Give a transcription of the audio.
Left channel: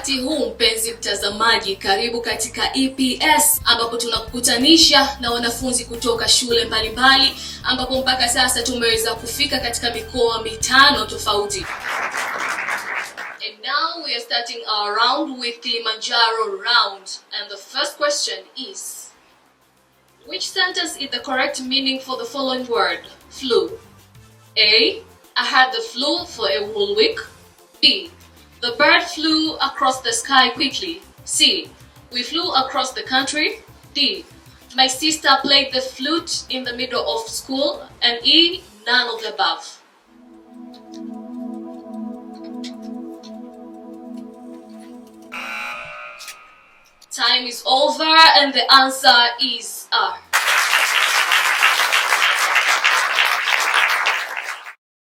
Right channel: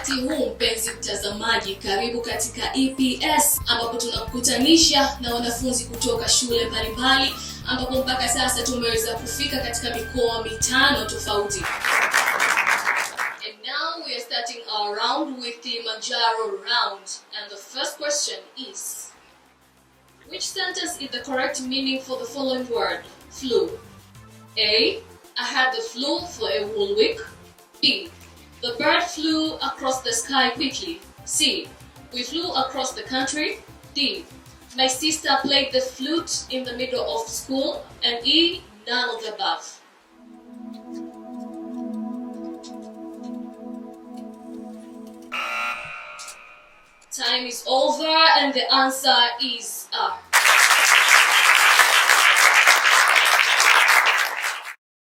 wakati huu mpenzi mtazamaji, karibu katika EPS ambapo tunakutanisha na wanafunzi kutoka shule mbalimbali ambapo mpaka sasa tumeweza kufika katika mikoa 5 tofauti. And now we are starting our round with Kilimanjaro round, and the first question is, which sentence is the correct meaning for the following word, flew? A, I had the flu for a whole week. B, the bird flew across the sky quickly. C, we flew across the country. D, my sister played the flute in the middle of school. And E, none of the above. Time is over and the answer is